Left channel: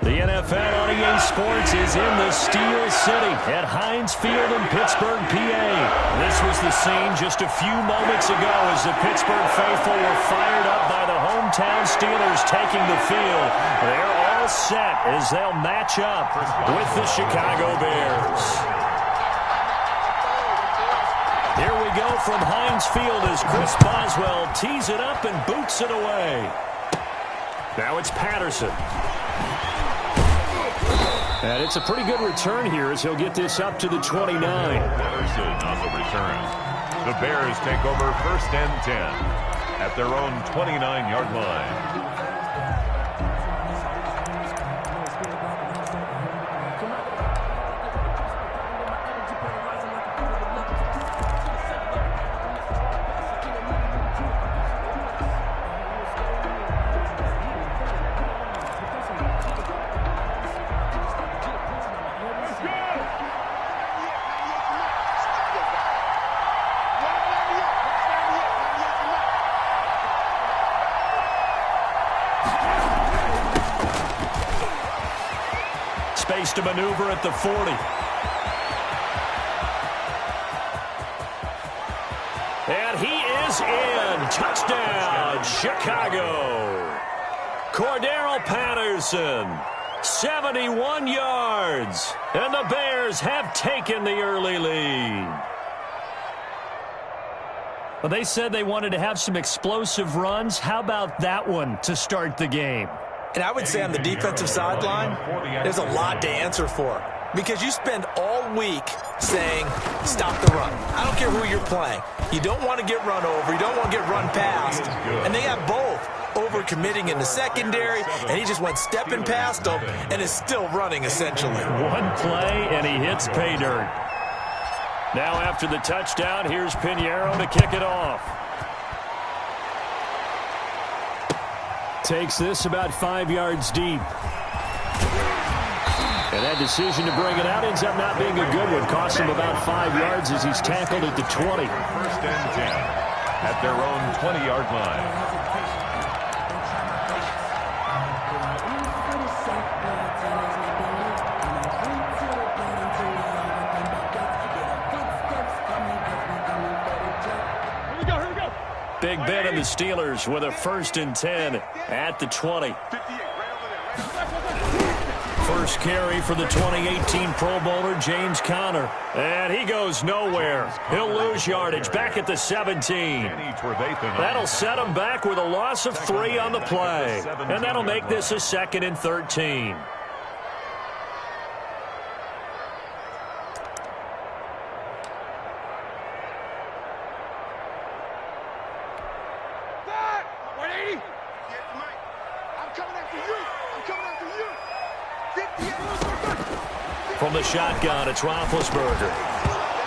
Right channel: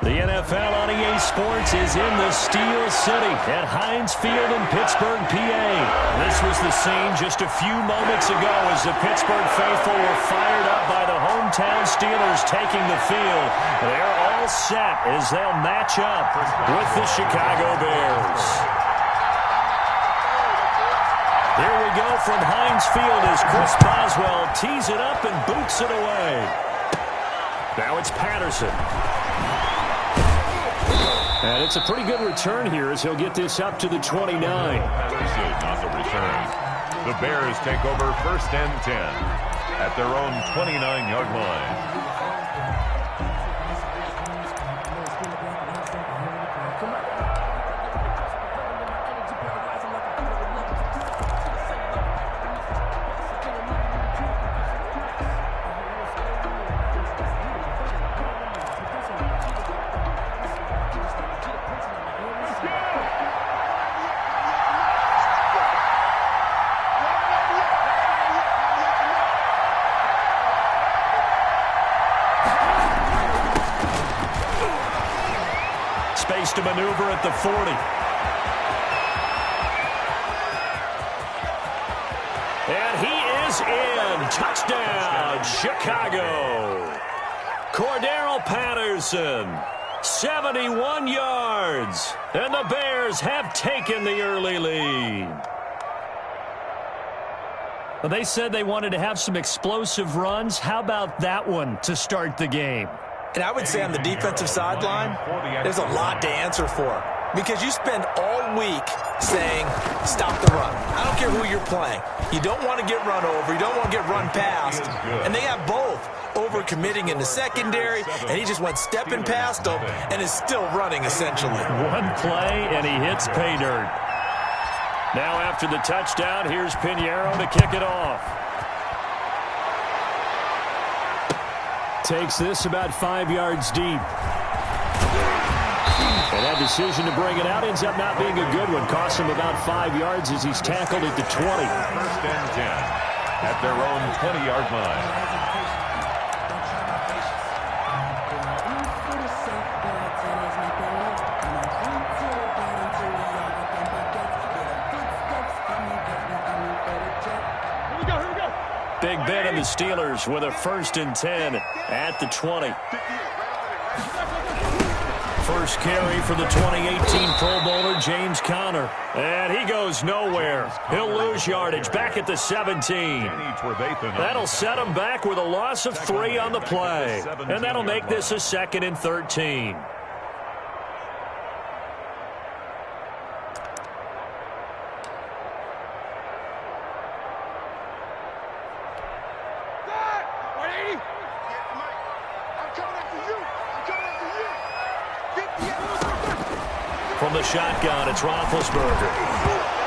The NFL on EA Sports is in the Steel City at Heinz Field in Pittsburgh, PA. This was the scene just a few moments ago as the Pittsburgh faithful were fired up by the hometown Steelers taking the field. They're all set as they'll match up with the Chicago Bears. Here we go from Heinz Field as Chris Boswell tees it up and boots it away. Now it's Patterson. And it's a pretty good return here as he'll get this up to the 29. Patterson on the return. The Bears take over 1st and 10 at their own 29-yard line. Space to maneuver at the 40. And he is in. Touchdown, Chicago. Cordero Patterson, 71 yards. And the Bears have taken the early lead. Well, they said they wanted to have some explosive runs. How about that one to start the game? And I would say on the defensive sideline, there's a lot to answer for. Because you spend all week saying, stop the run. I don't care who you're playing. You don't want to get run over. You don't want to get run past. And they have both. Overcommitting in the secondary, and he just went stepping past them and is still running, essentially. One play, and he hits pay dirt. Now after the touchdown, here's Pinheiro to kick it off. Takes this about 5 yards deep. And that decision to bring it out ends up not being a good one. Costs him about 5 yards as he's tackled at the 20. 1st and 10 at their own 20-yard line. Big Ben and the Steelers with a 1st and 10 at the 20. First carry for the 2018 Pro Bowler, James Conner. And he goes nowhere. He'll lose yardage back at the 17. That'll set him back with a loss of 3 on the play. And that'll make this a 2nd and 13. From the shotgun, it's Roethlisberger.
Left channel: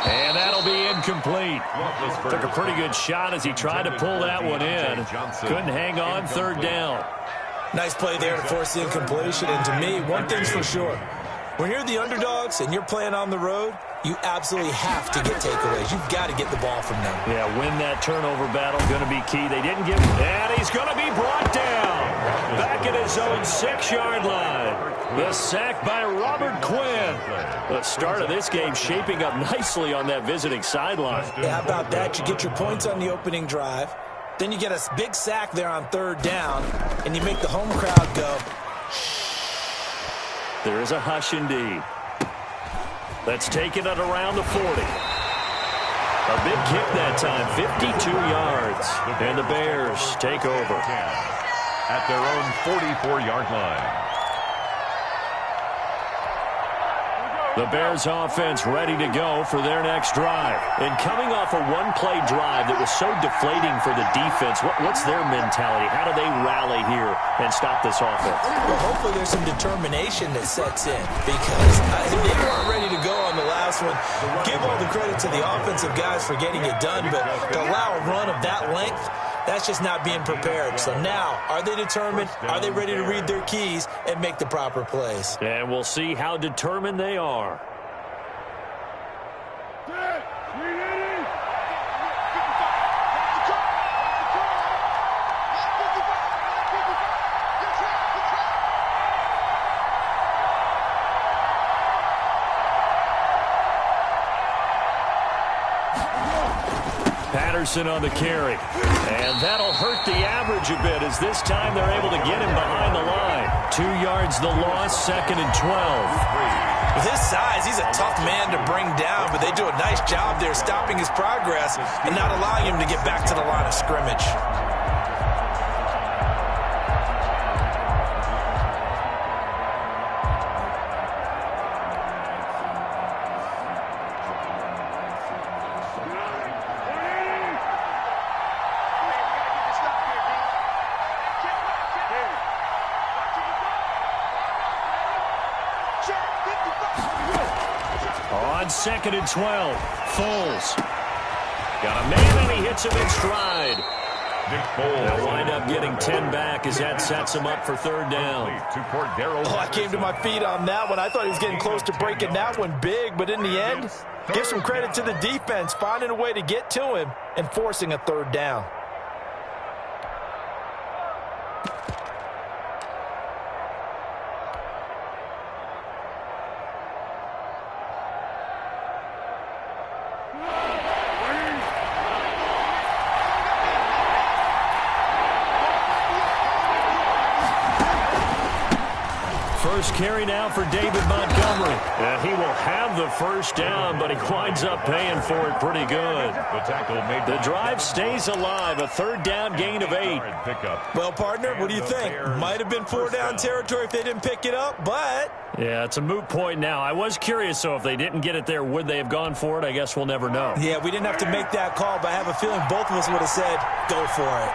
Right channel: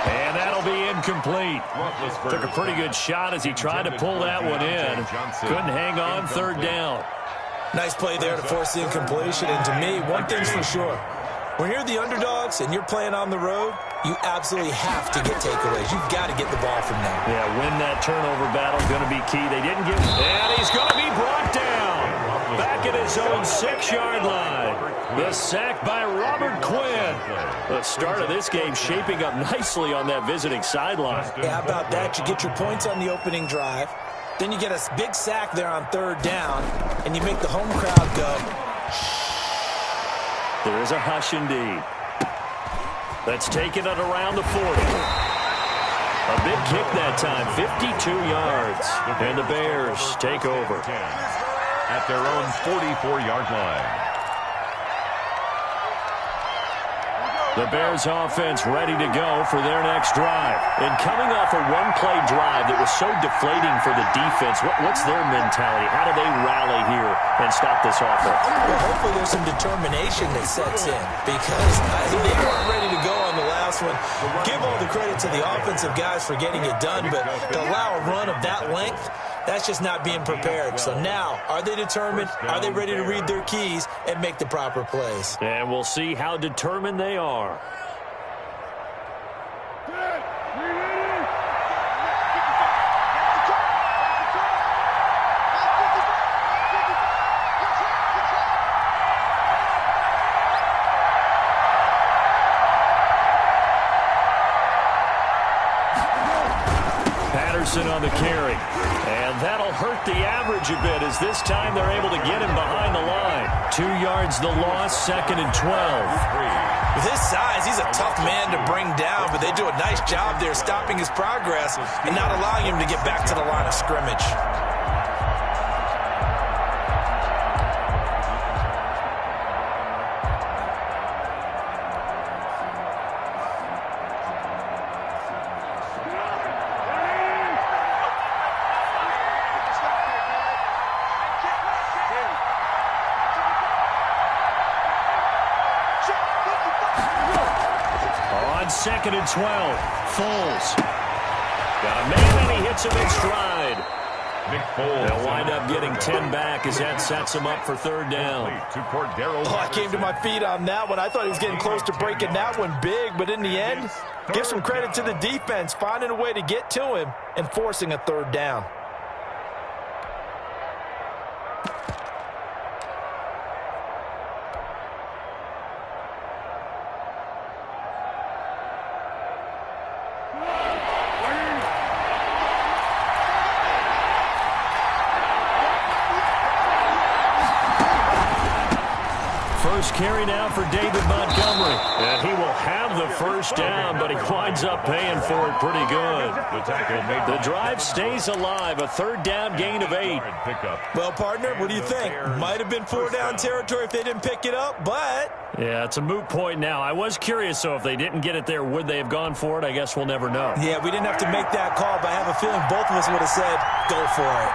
And that'll be incomplete. Took a pretty good shot as he tried to pull that one in. Couldn't hang on, 3rd down. Nice play there to force the incompletion. And to me, one thing's for sure. When you're the underdogs and you're playing on the road, you absolutely have to get takeaways. You've got to get the ball from them. Yeah, win that turnover battle, going to be key. They didn't give him. And he's going to be brought down. Back at his own 6-yard line. The sack by Robert Quinn. The start of this game shaping up nicely on that visiting sideline. Yeah, how about that? You get your points on the opening drive. Then you get a big sack there on 3rd down. And you make the home crowd go, there is a hush indeed. That's taken it around the 40. A big kick that time, 52 yards. And the Bears take over. At their own 44-yard line. The Bears offense ready to go for their next drive. And coming off a one-play drive that was so deflating for the defense, what's their mentality? How do they rally here and stop this offense? Well, hopefully there's some determination that sets in because they weren't ready to go on the last one. Give all the credit to the offensive guys for getting it done, but to allow a run of that length, that's just not being prepared. So now, are they determined? Are they ready to read their keys and make the proper plays? And we'll see how determined they are. Patterson on the carry. And that'll hurt the average a bit as this time they're able to get him behind the line. 2 yards the loss, 2nd and 12. With his size, he's a tough man to bring down, but they do a nice job there stopping his progress and not allowing him to get back to the line of scrimmage. On 2nd and 12, Foles. Got a man, and he hits him in stride. Nick Foles. They'll wind up getting 10 back as that sets him up for 3rd down. Oh, I came to my feet on that one. I thought he was getting close to breaking that one big, but in the end, give some credit to the defense, finding a way to get to him and forcing a 3rd down. First carry now for David Montgomery. And he will have the 1st down, but he winds up paying for it pretty good. The drive stays alive, a 3rd down gain of 8. Well, partner, what do you think? Might have been 4-down territory if they didn't pick it up, but... Yeah, it's a moot point now. I was curious, so if they didn't get it there, would they have gone for it? I guess we'll never know. Yeah, we didn't have to make that call, but I have a feeling both of us would have said, go for it.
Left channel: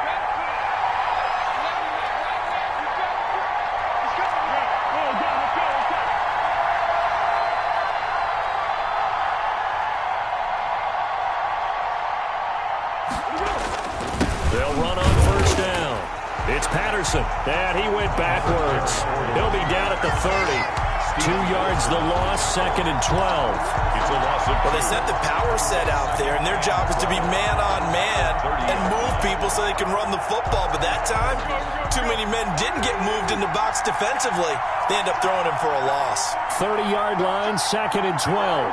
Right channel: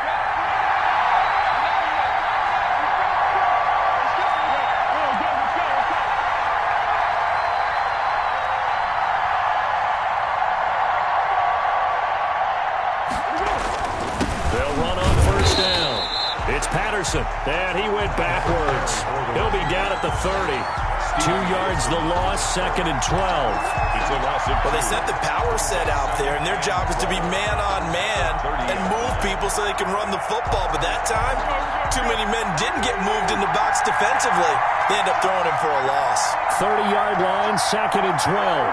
They'll run on 1st down. It's Patterson, and he went backwards. He'll be down at the 30. 2 yards the loss, 2nd and 12. Well, they sent the power set out there, and their job is to be man-on-man and move people so they can run the football. But that time, too many men didn't get moved in the box defensively. They end up throwing him for a loss. 30-yard line, 2nd and 12.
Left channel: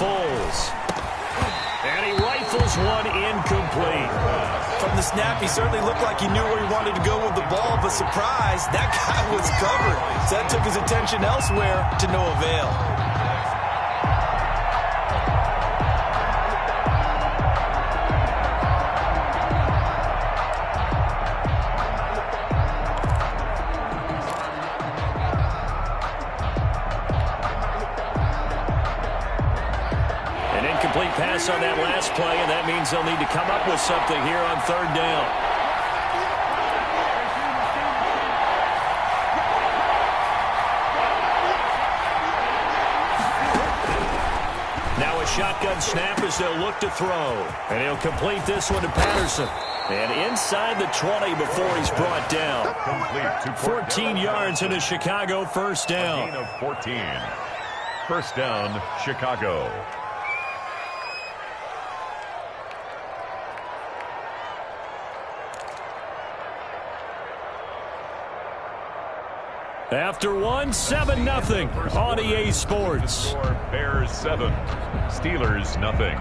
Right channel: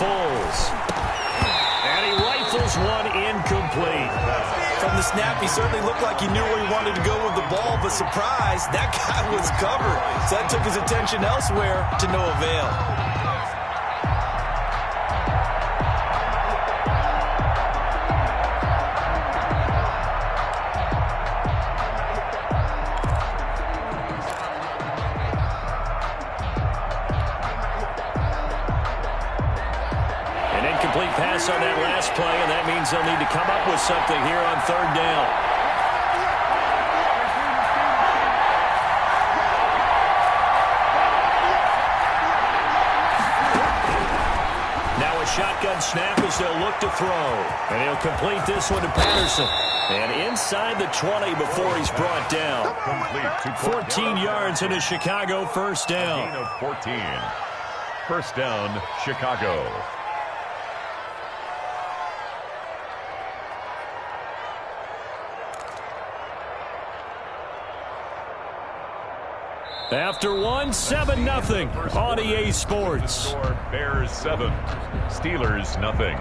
Foles. And he rifles one incomplete. From the snap, he certainly looked like he knew where he wanted to go with the ball, but surprise, that guy was covered. So that took his attention elsewhere to no avail. Incomplete pass on that last play, and that means they'll need to come up with something here on 3rd down. Now a shotgun snap as they'll look to throw. And he'll complete this one to Patterson. And inside the 20 before he's brought down. 14 yards and a Chicago 1st down. A gain of 14. 1st down, Chicago. After one, 7-0 on EA Sports. Bears 7, Steelers nothing.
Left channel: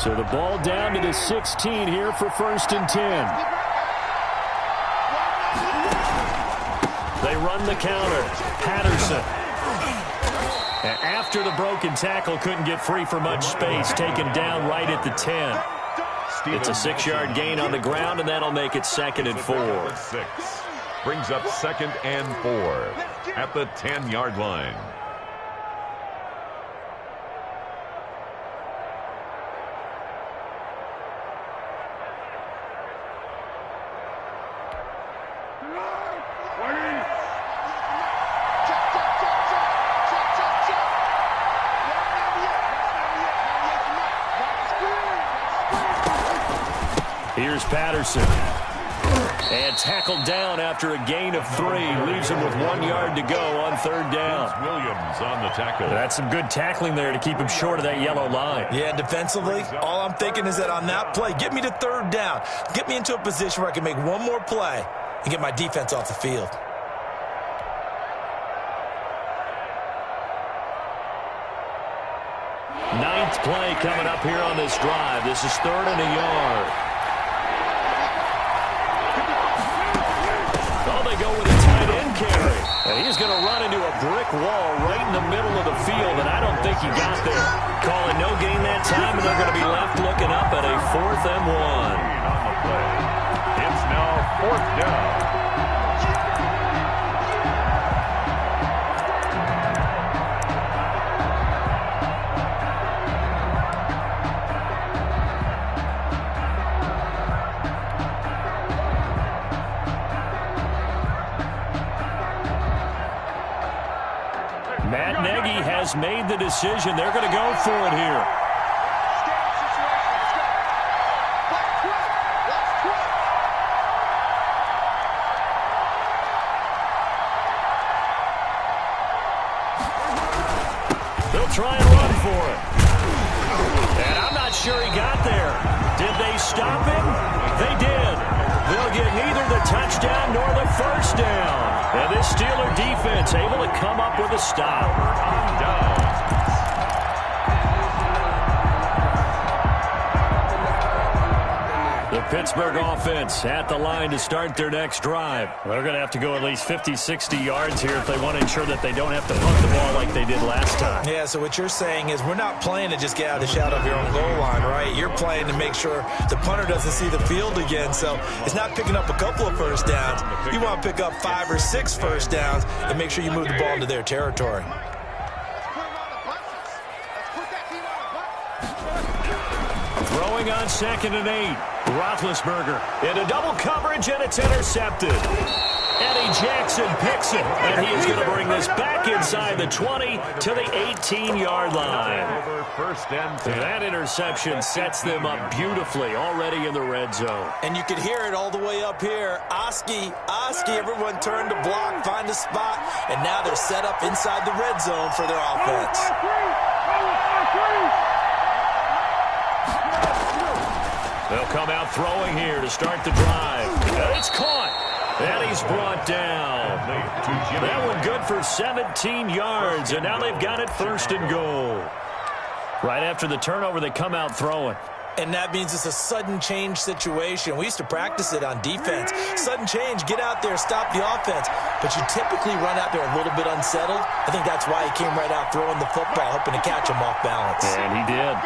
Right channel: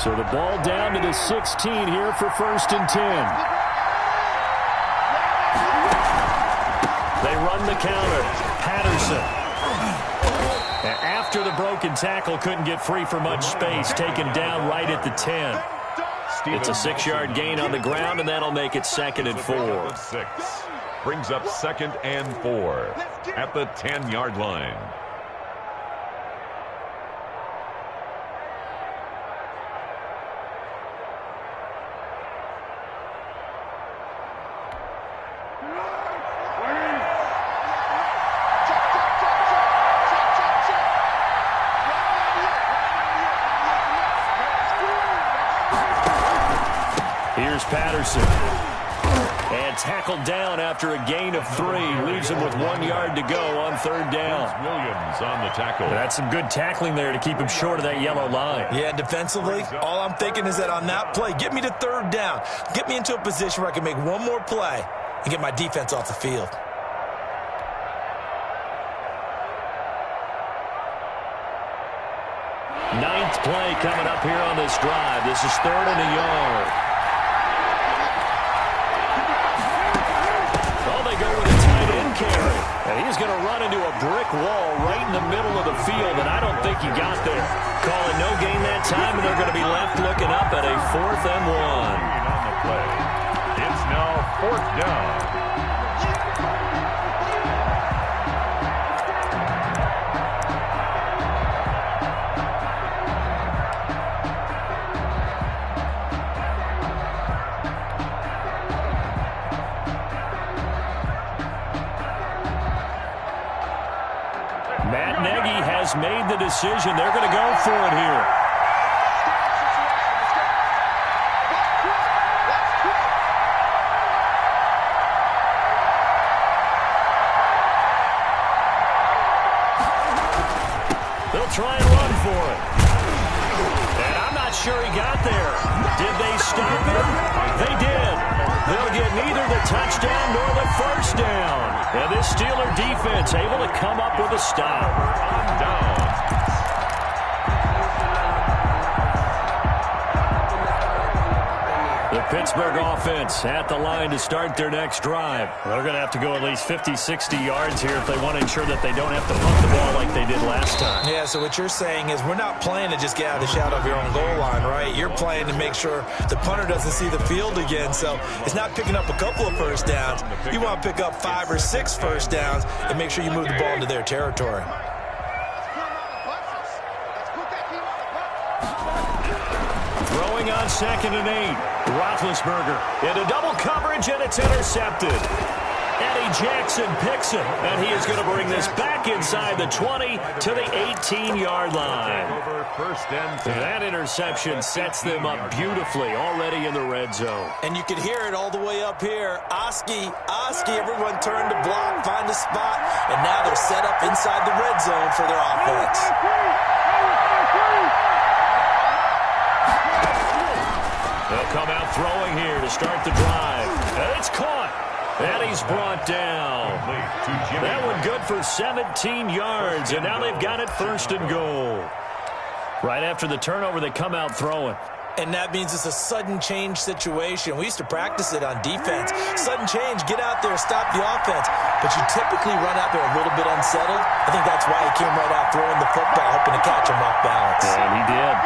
So the ball down to the 16 here for 1st and 10. They run the counter. Patterson. After the broken tackle, couldn't get free for much space. Taken down right at the 10. It's a 6-yard gain on the ground, and that'll make it 2nd and 4. 6. Brings up 2nd and 4 at the 10-yard line. Here's Patterson. And tackled down after a gain of 3. Leaves him with 1 yard to go on 3rd down. Williams on the tackle. That's some good tackling there to keep him short of that yellow line. Yeah, defensively, all I'm thinking is that on that play, get me to 3rd down. Get me into a position where I can make one more play and get my defense off the field. Ninth play coming up here on this drive. This is 3rd and a yard. Oh, they go with a tight end carry. And he's going to run into a brick wall right in the middle of the field, and I don't think he got there. Call it no gain that time, and they're going to be left looking up at a 4th and 1. On the play. It's now 4th down. Matt Nagy has made the decision. They're going to go for it here. They'll try and run for it. And I'm not sure he got there. Did they stop him? They did. They'll get neither the touchdown nor the 1st down. And this Steeler defense able to come up with a stop. On down. The Pittsburgh offense at the line to start their next drive. They're going to have to go at least 50, 60 yards here if they want to ensure that they don't have to punt the ball like they did last time. Yeah, so what you're saying is we're not playing to just get out of the shadow of your own goal line, right? You're playing to make sure the punter doesn't see the field again. So it's not picking up a couple of 1st downs. You want to pick up 5 or 6 1st downs and make sure you move the ball into their territory. Throwing on 2nd and 8. Roethlisberger into double coverage, and it's intercepted. Eddie Jackson picks it, and he is going to bring this back inside the 20 to the 18-yard line. Over 1st and 10. That interception sets them up beautifully already in the red zone. And you can hear it all the way up here. Oski, everyone turned to block, find a spot, and now they're set up inside the red zone for their offense. They'll come out throwing here to start the drive. And it's caught. And he's brought down. That one good for 17 yards, and now they've got it 1st and goal. Right after the turnover, they come out throwing. And that means it's a sudden change situation. We used to practice it on defense. Sudden change, get out there, stop the offense. But you typically run out there a little bit unsettled. I think that's why he came right out throwing the football, hoping to catch him off balance. And he did.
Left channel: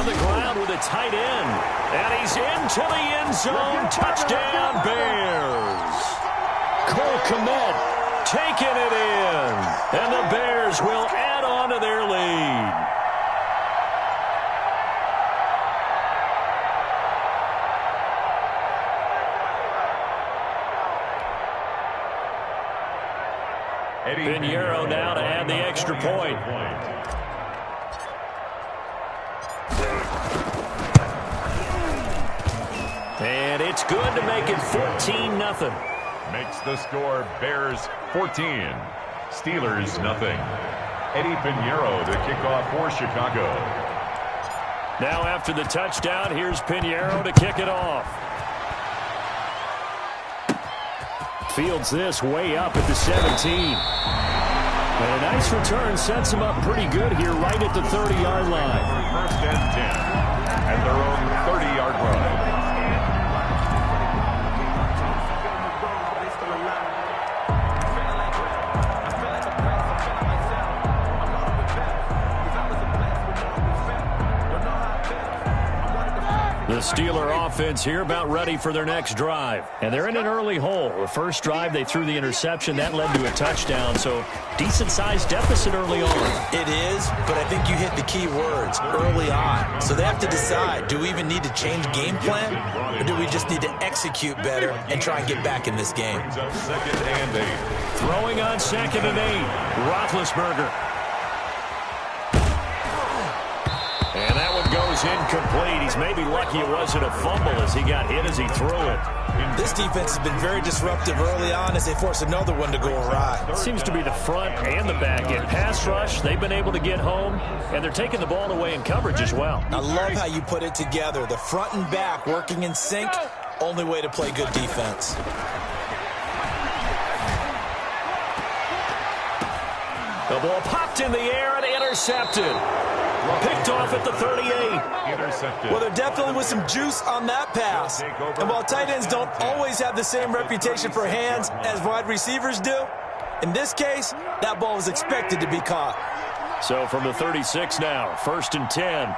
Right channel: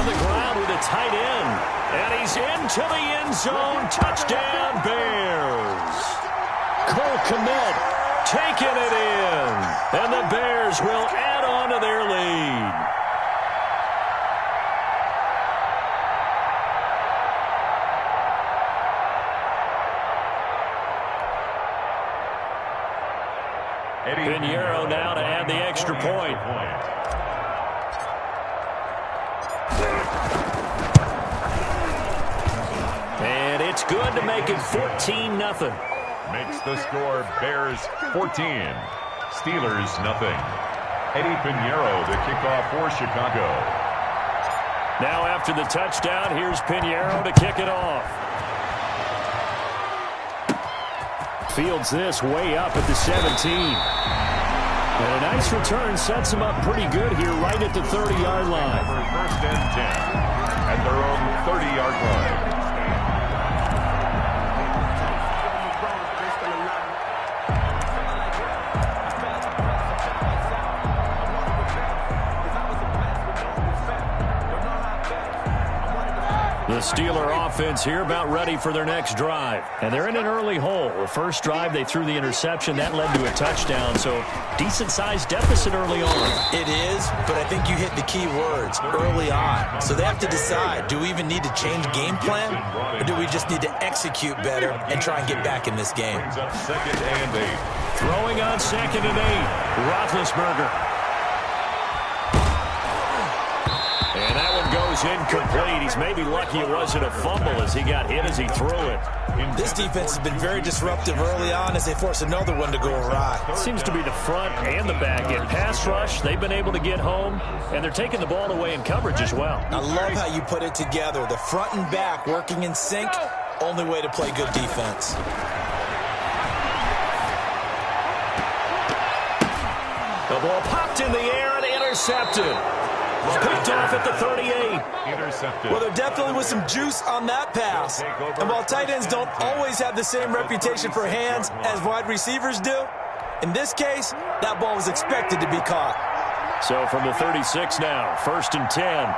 On the ground with a tight end. And he's into the end zone. Touchdown, Bears. Cole Kmet taking it in. And the Bears will add on to their lead. Pinheiro now to add the extra point. And it's good to make it 14-0. Makes the score Bears 14, Steelers nothing. Eddie Pinheiro to kick off for Chicago. Now after the touchdown, here's Pinheiro to kick it off. Fields this way up at the 17. And a nice return sets him up pretty good here right at the 30-yard line. For 1st and 10 at their own 30-yard line. The Steeler offense here about ready for their next drive. And they're in an early hole. The first drive, they threw the interception. That led to a touchdown, so decent-sized deficit early on. It is, but I think you hit the key words, early on. So they have to decide, do we even need to change game plan, or do we just need to execute better and try and get back in this game? Brings up 2nd and 8. Throwing on 2nd and 8, Roethlisberger. And that one goes is incomplete. He's maybe lucky it wasn't a fumble as he got hit as he threw it. This defense has been very disruptive early on as they force another one to go awry. Seems to be the front and the back. In pass rush, they've been able to get home, and they're taking the ball away in coverage as well. I love how you put it together. The front and back working in sync, only way to play good defense. The ball popped in the air and intercepted. Picked off at the 38. Intercepted. Well, there definitely was some juice on that pass. And while tight ends don't always have the same reputation for hands as wide receivers do, in this case, that ball was expected to be caught. So from the 36 now, 1st and 10.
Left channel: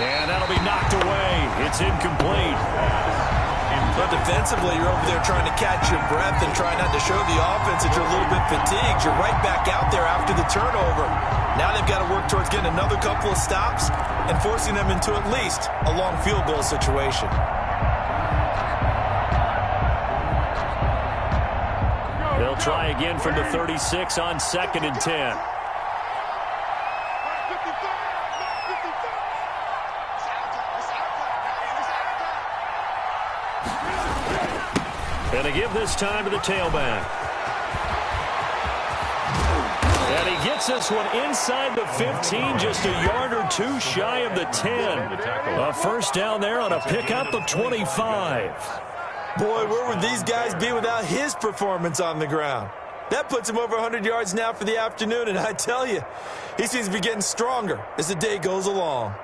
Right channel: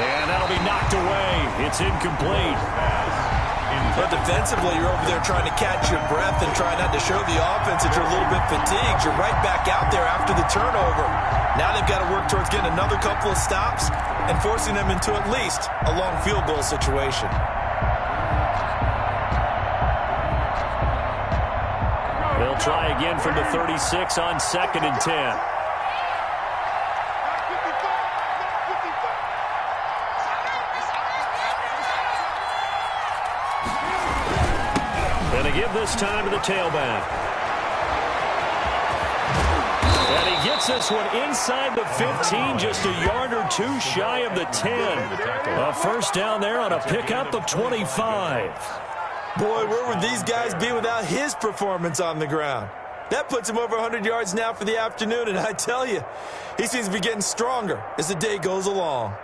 And that'll be knocked away. It's incomplete. But defensively, you're over there trying to catch your breath and try not to show the offense that you're a little bit fatigued. You're right back out there after the turnover. Now they've got to work towards getting another couple of stops and forcing them into at least a long field goal situation. They'll try again from the 36 on 2nd and 10. Going to give this time to the tailback. And he gets this one inside the 15, just a yard or two shy of the 10. A first down there on a pickup of 25. Boy, where would these guys be without his performance on the ground? That puts him over 100 yards now for the afternoon, and I tell you, he seems to be getting stronger as the day goes along.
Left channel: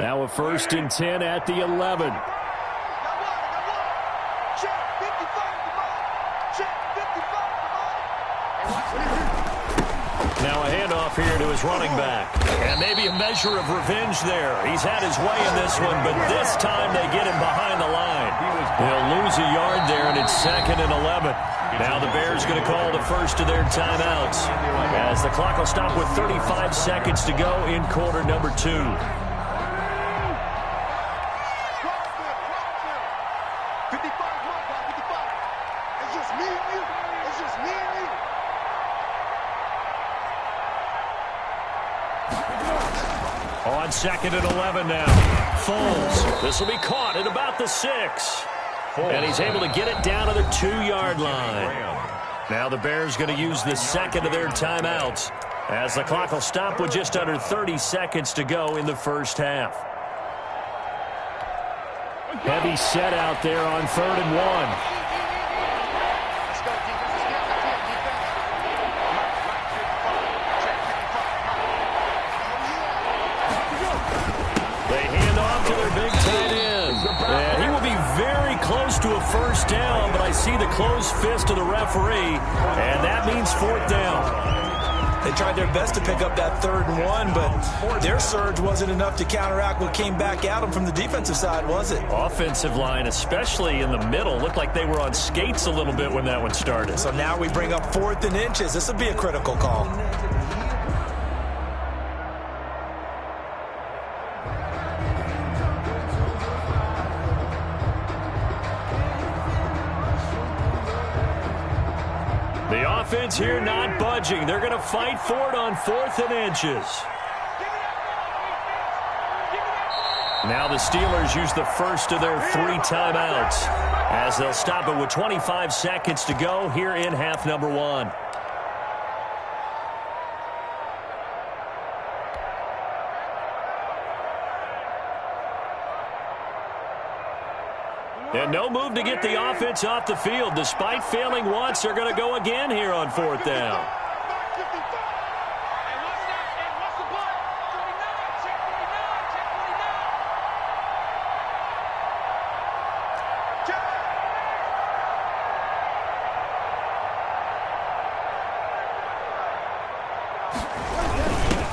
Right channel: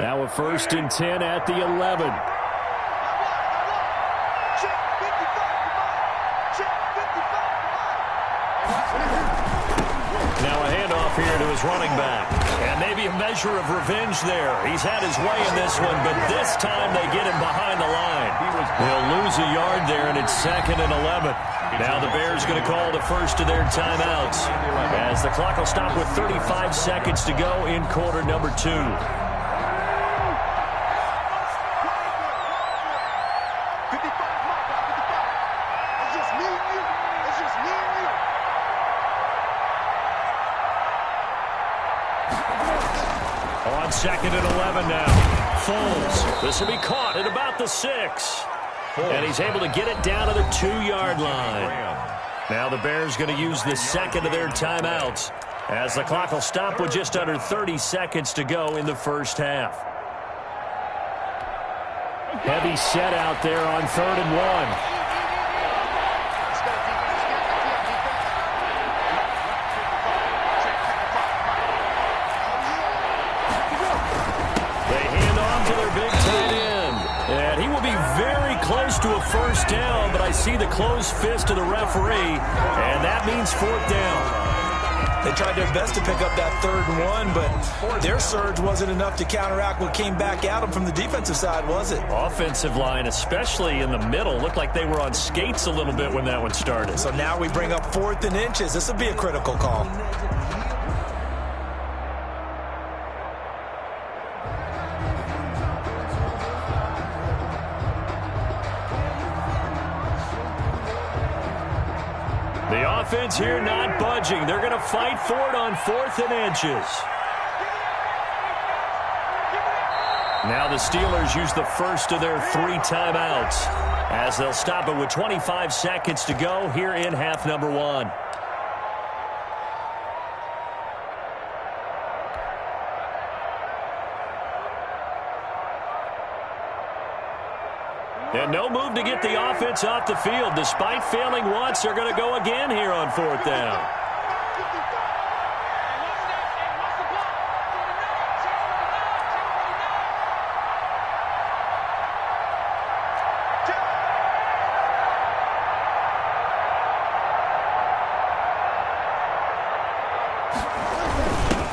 Now a 1st and 10 at the 11. Now a handoff here to his running back. And maybe a measure of revenge there. He's had his way in this one, but this time they get him behind the line. They'll lose a yard there, and it's 2nd and 11. Now the Bears going to call the first of their timeouts as the clock will stop with 35 seconds to go in quarter number 2. On 2nd and 11 now. Foles. This will be caught at about the 6. And he's able to get it down to the 2-yard line. Now the Bears going to use the second of their timeouts as the clock will stop with just under 30 seconds to go in the first half. Heavy set out there on 3rd and 1. Close to a first down, but I see the closed fist of the referee, and that means 4th down. They tried their best to pick up that 3rd and 1, but their surge wasn't enough to counteract what came back at them from the defensive side, was it? Offensive line, especially in the middle, looked like they were on skates a little bit when that one started. So now we bring up 4th and inches. This will be a critical call. The offense here not budging. They're going to fight for it on 4th and inches. Now the Steelers use the first of their 3 timeouts as they'll stop it with 25 seconds to go here in half number 1. And no move to get the offense off the field. Despite failing once, they're going to go again here on 4th down.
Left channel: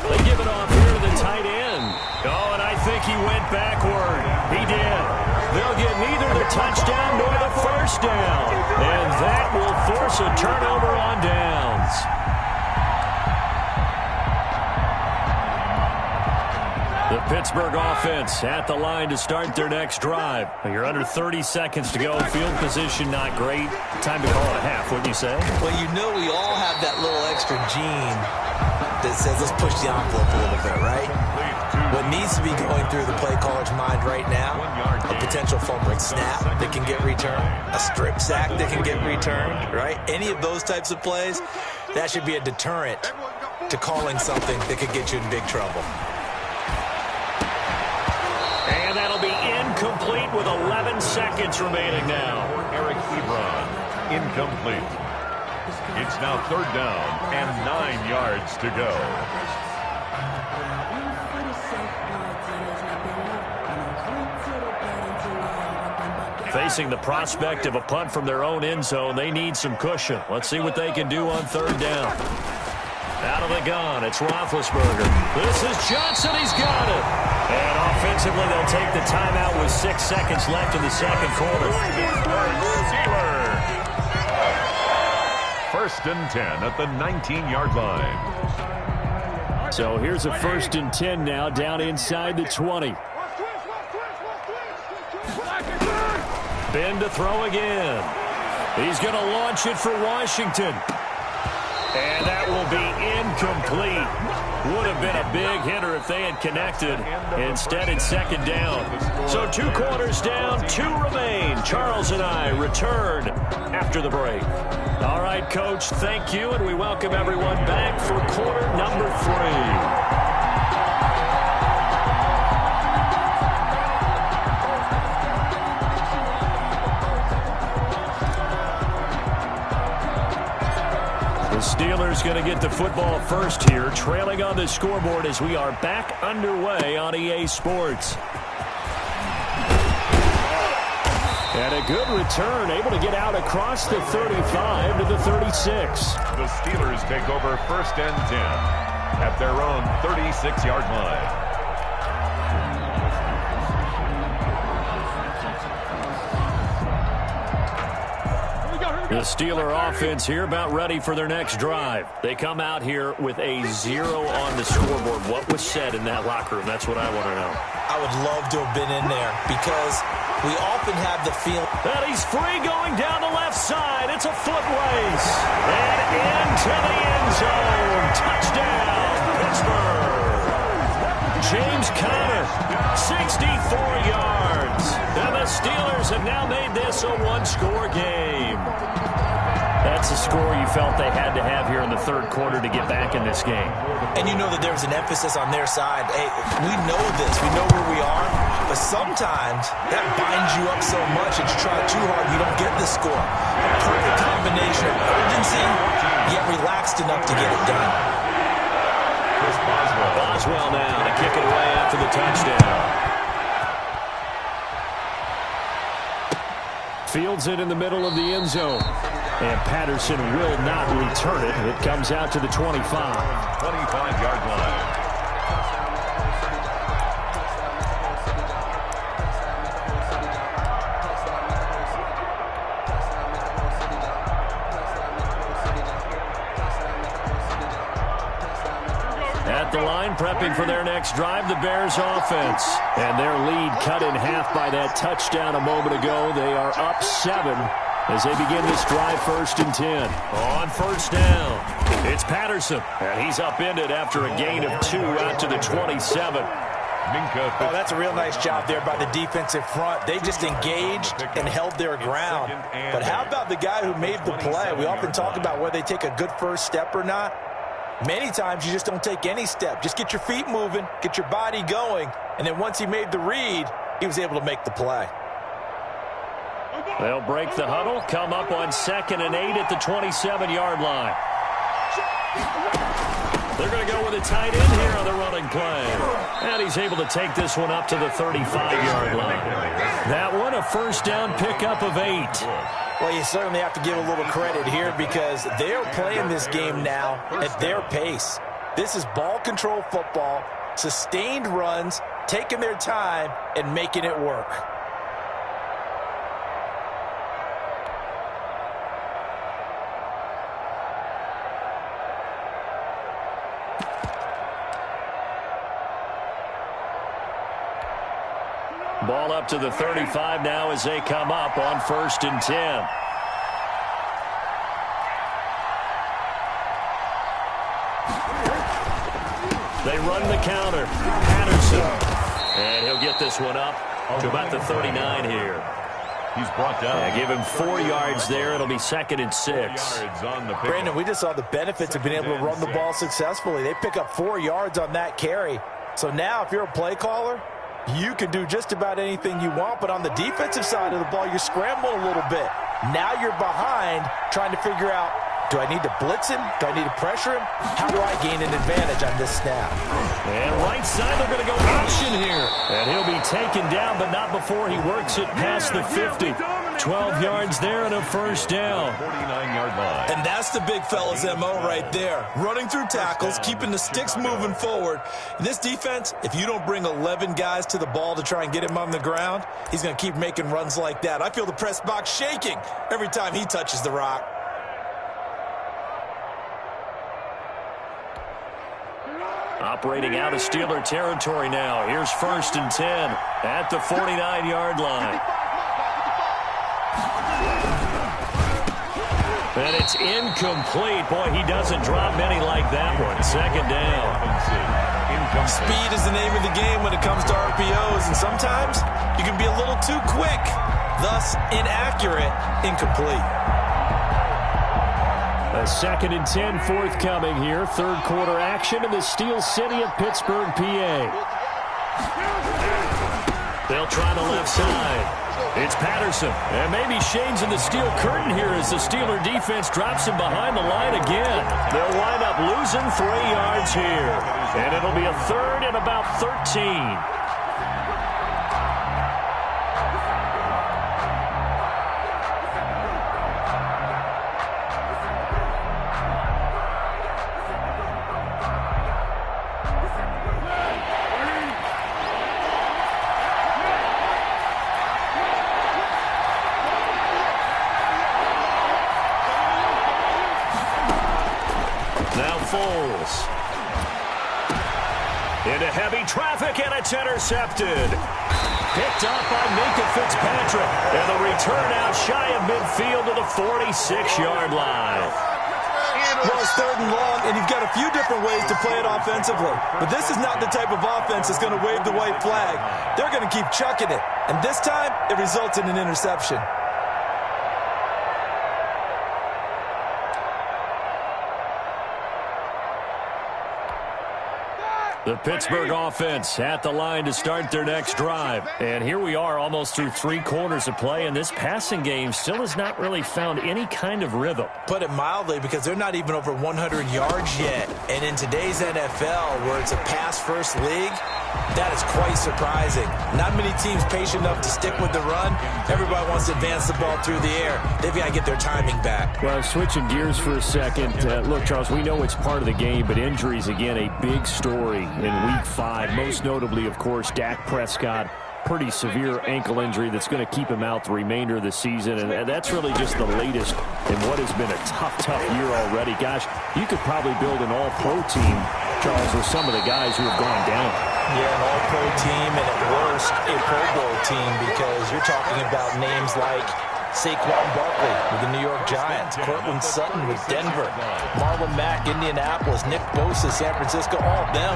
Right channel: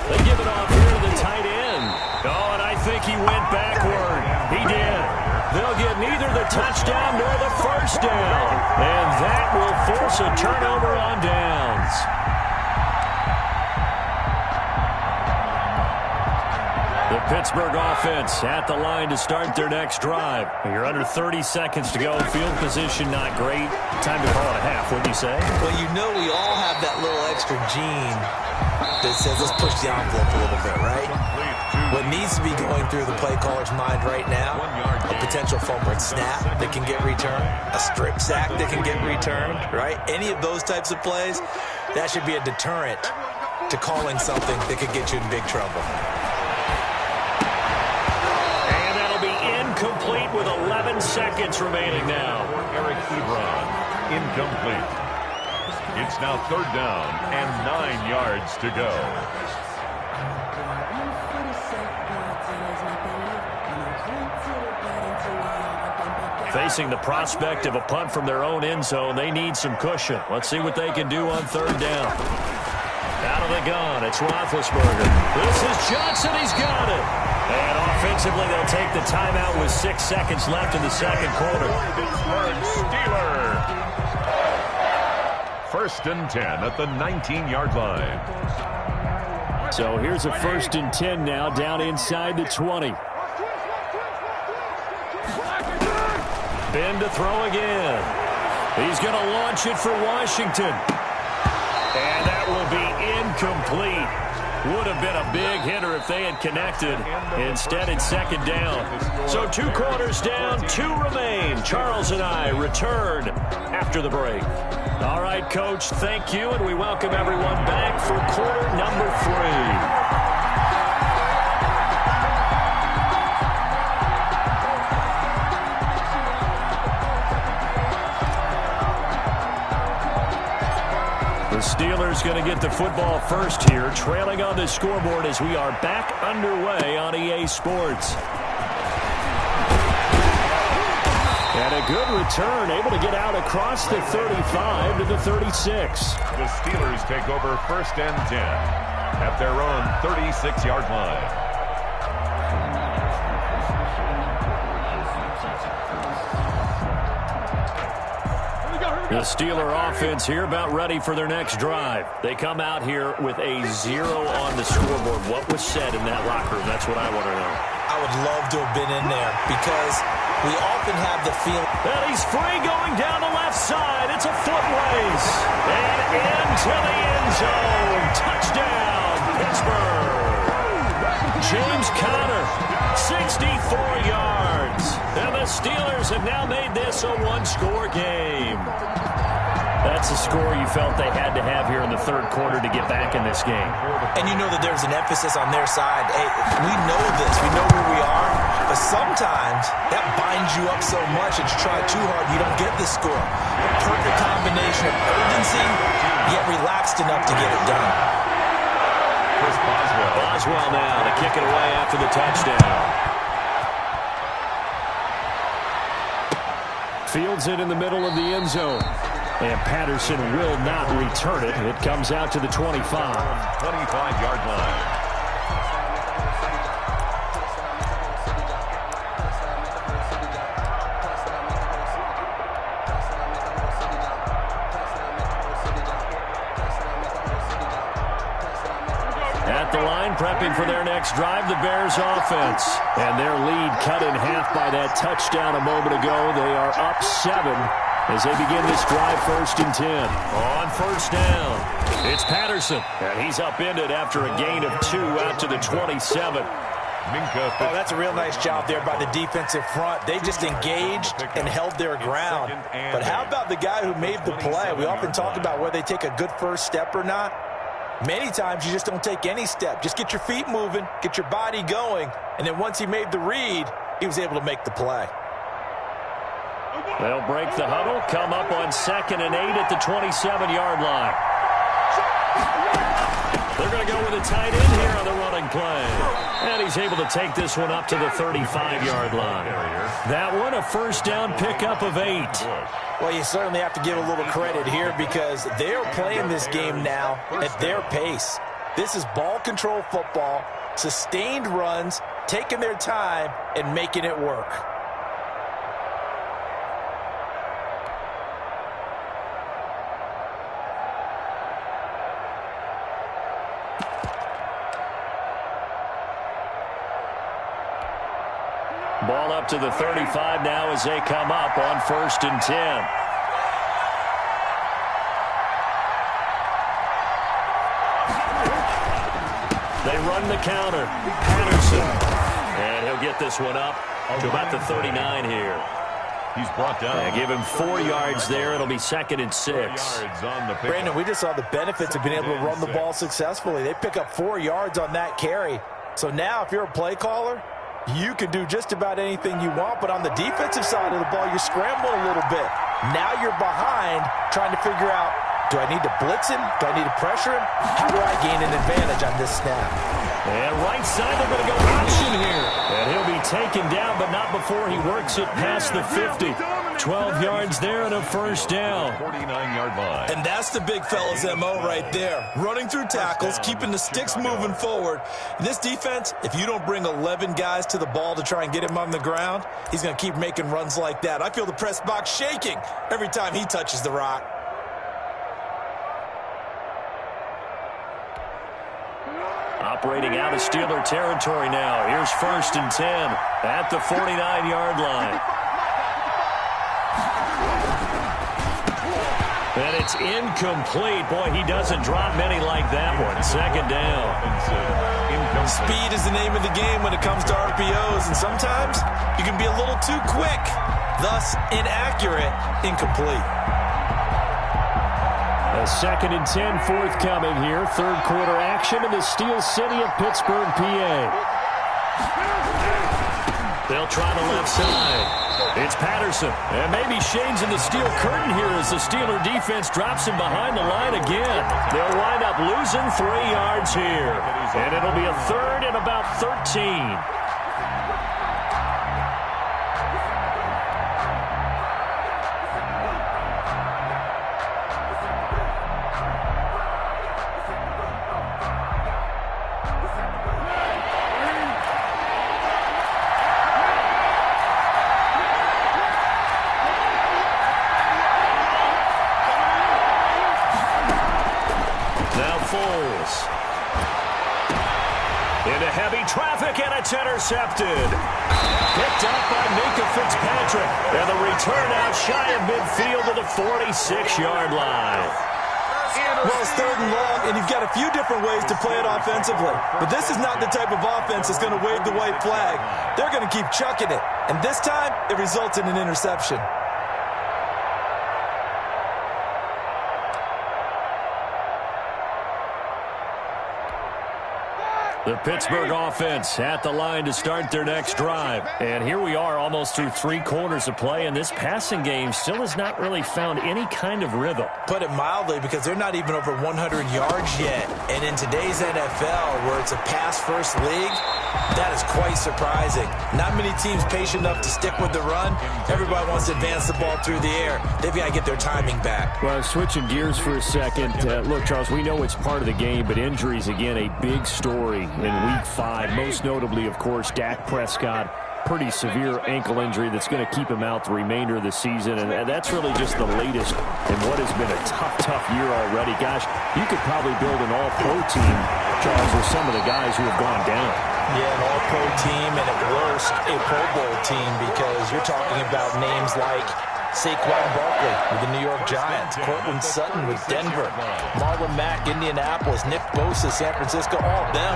They give it off here to the tight end. Oh, and I think he went backward. He did. They'll get neither the touchdown nor the first down. And that will force a turnover on downs. The Pittsburgh offense at the line to start their next drive. You're under 30 seconds to go. Field position not great. Time to call it a half, wouldn't you say? Well, you know we all have that little extra gene that says let's push the envelope a little bit, right? What needs to be going through the play caller's mind right now, a potential fumbled snap that can get returned, a strip sack that can get returned, right? Any of those types of plays, that should be a deterrent to calling something that could get you in big trouble. And that'll be incomplete with 11 seconds remaining now. Eric Ebron, incomplete. It's now 3rd down and 9 yards to go. Facing the prospect of a punt from their own end zone, they need some cushion. Let's see what they can do on 3rd down. Out of the gun, it's Roethlisberger. This is Johnson, he's got it. And offensively, they'll take the timeout with 6 seconds left in the second quarter. Pittsburgh Steelers. 1st and 10 at the 19-yard line. So here's a 1st and 10 now, down inside the 20. Ben to throw again. He's going to launch it for Washington. And that will be incomplete. Would have been a big hitter if they had connected. Instead, it's 2nd down. So 2 quarters down, 2 remain. Charles and I return after the break. All right, Coach, thank you, and we welcome everyone back for quarter number 3. The Steelers going to get the football first here, trailing on the scoreboard as we are back underway on EA Sports. And a good return, able to get out across the 35 to the 36. The Steelers take over 1st and 10 at their own 36-yard line. The Steeler offense here about ready for their next drive. They come out here with a 0 on the scoreboard. What was said in that locker room? That's what I want to know. I would love to have been in there because we often have the feeling that he's free going down the left side. It's a foot race. And into the end zone. Touchdown, Pittsburgh. James Conner, 64 yards. And the Steelers have now made this a 1-score game. That's a score you felt they had to have here in the 3rd quarter to get back in this game. And you know that there's an emphasis on their side. Hey, we know this. We know where we are. But sometimes that binds you up so much that you try too hard, you don't get the score. A perfect combination of urgency, yet relaxed enough to get it done. Chris Boswell. Boswell now to kick it away after the touchdown. Fields it in the middle of the end zone. And Patterson will not return it. It comes out to the 25. 25-yard line. At the line, prepping for their next drive, the Bears offense. And their lead cut in half by that touchdown a moment ago. They are up 7 as they begin this drive 1st and 10. On 1st down, it's Patterson. And he's upended after a gain of 2 out to the 27. Oh, that's a real nice job there by the defensive front. They just engaged and held their ground. But how about the guy who made the play? We often talk about whether they take a good first step or not. Many times you just don't take any step. Just get your feet moving, get your body going, and then once he made the read, he was able to make the play. They'll break the huddle, come up on 2nd and 8 at the 27-yard line. They're going to go with a tight end here on the running play. And he's able to take this one up to the 35-yard line. That one, a 1st down pickup of 8. Well, you certainly have to give a little credit here because they're playing this game now at their pace. This is ball control football, sustained runs, taking their time, and making it work. Ball up to the 35 now as they come up on 1st and 10. They run the counter. Patterson. And he'll get this one up to about the 39 here. He's brought down. Yeah, give him 4 yards there. It'll be 2nd and 6. Brandon, we just saw the benefits of being able to run the ball successfully. They pick up 4 yards on that carry. So now if you're a play caller, you can do just about anything you want. But on the defensive side of the ball, you're scrambling a little bit. Now you're behind trying to figure out, do I need to blitz him? Do I need to pressure him? How do I gain an advantage on this snap? And right side, they're going to go option here. And he'll be taken down, but not before he works it past the 50. 12 yards there and a 1st down. 49-yard line. And that's the big fella's MO right there. Running through tackles, keeping the sticks moving forward. This defense, if you don't bring 11 guys to the ball to try and get him on the ground, he's going to keep making runs like that. I feel the press box shaking every time he touches the rock. Operating out of Steeler territory now. Here's 1st and 10 at the 49-yard line. And it's incomplete. Boy, he doesn't drop many like that one. 2nd down. Speed is the name of the game when it comes to RPOs, and sometimes you can be a little too quick, thus inaccurate, incomplete. A 2nd and 10 forthcoming here. 3rd quarter action in the Steel City of Pittsburgh, PA. They'll try the left side. It's Patterson. And maybe shades in the steel curtain here as the Steeler defense drops him behind the line again. They'll wind up losing 3 yards here. And it'll be a 3rd and about 13. Into heavy traffic, and it's intercepted. Picked up by Minka Fitzpatrick. And the return out shy of midfield to the 46-yard line. Well, it's 3rd and long, and you've got a few different ways to play it offensively. But this is not the type of offense that's going to wave the white flag. They're going to keep chucking it. And this time, it results in an interception. The Pittsburgh offense at the line to start their next drive. And here we are almost through 3 quarters of play, and this passing game still has not really found any kind of rhythm. Put it mildly, because they're not even over 100 yards yet. And in today's NFL, where it's a pass-first league, that is quite surprising. Not many teams patient enough to stick with the run. Everybody wants to advance the ball through the air. They've got to get their timing back. Well, switching gears for a second. Look, Charles, we know it's part of the game, but injuries, again, a big story in Week 5. Most notably, of course, Dak Prescott. Pretty severe ankle injury that's going to keep him out the remainder of the season. And that's really just the latest in what has been a tough year already. Gosh, you could probably build an all-pro team, Charles, with some of the guys who have gone down. Yeah, an all-pro team, and at worst, a Pro Bowl team, because you're talking about names like Saquon Barkley with the New York Giants, Cortland Sutton with Denver, Marlon Mack, Indianapolis, Nick Bosa, San Francisco, all of them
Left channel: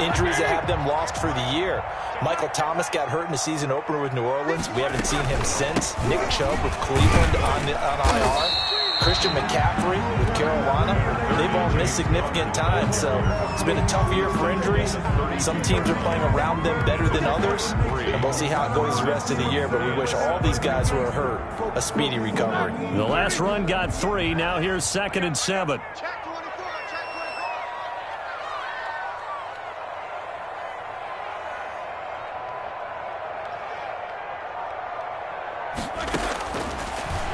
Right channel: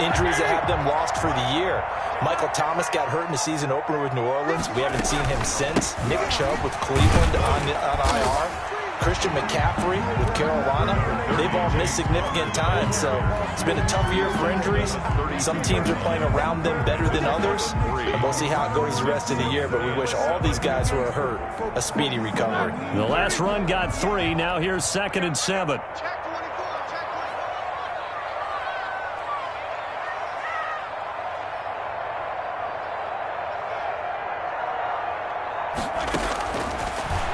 injuries that have them lost for the year. Michael Thomas got hurt in the season opener with New Orleans. We haven't seen him since. Nick Chubb with Cleveland on IR. Christian McCaffrey with Carolina. They've all missed significant time, so it's been a tough year for injuries. Some teams are playing around them better than others, and we'll see how it goes the rest of the year, but we wish all these guys who are hurt a speedy recovery. The last run got 3. Now here's 2nd and 7.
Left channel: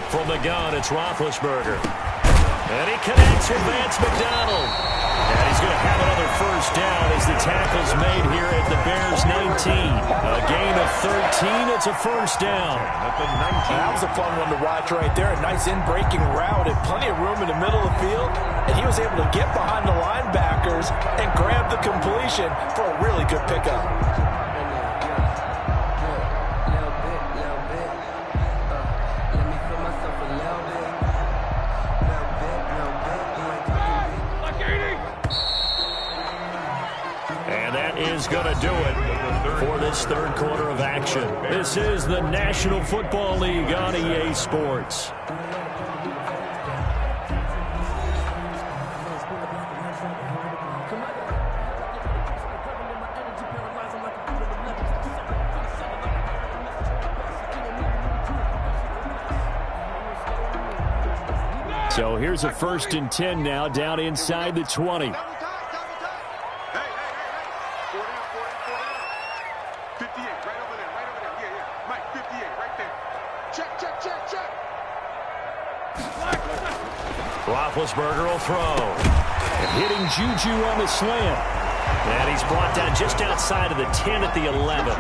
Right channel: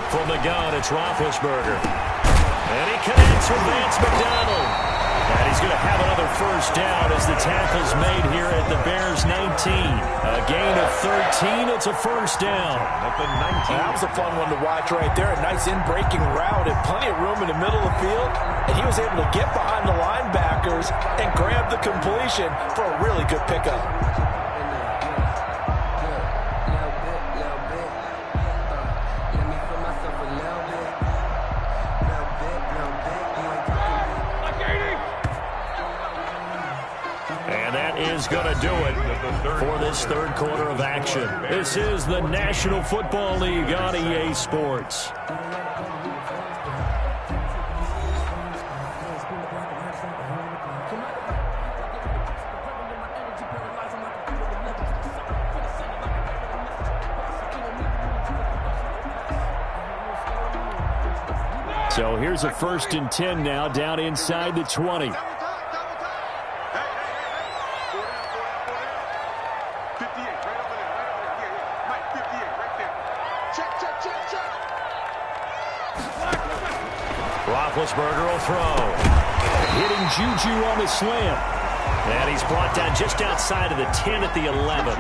From the gun, it's Roethlisberger. And he connects with Vance McDonald. And he's going to have another 1st down as the tackle's made here at the Bears' 19. A gain of 13. It's a 1st down. At the 19. That was a fun one to watch right there. A nice in-breaking route and plenty of room in the middle of the field. And he was able to get behind the linebackers and grab the completion for a really good pickup. is going to do it for this third quarter of action. This is the National Football League on EA Sports. So here's a 1st and 10 now, down inside the 20. Roethlisberger will throw. Hitting Juju on the slant. And he's brought down just outside of the 10 at the 11.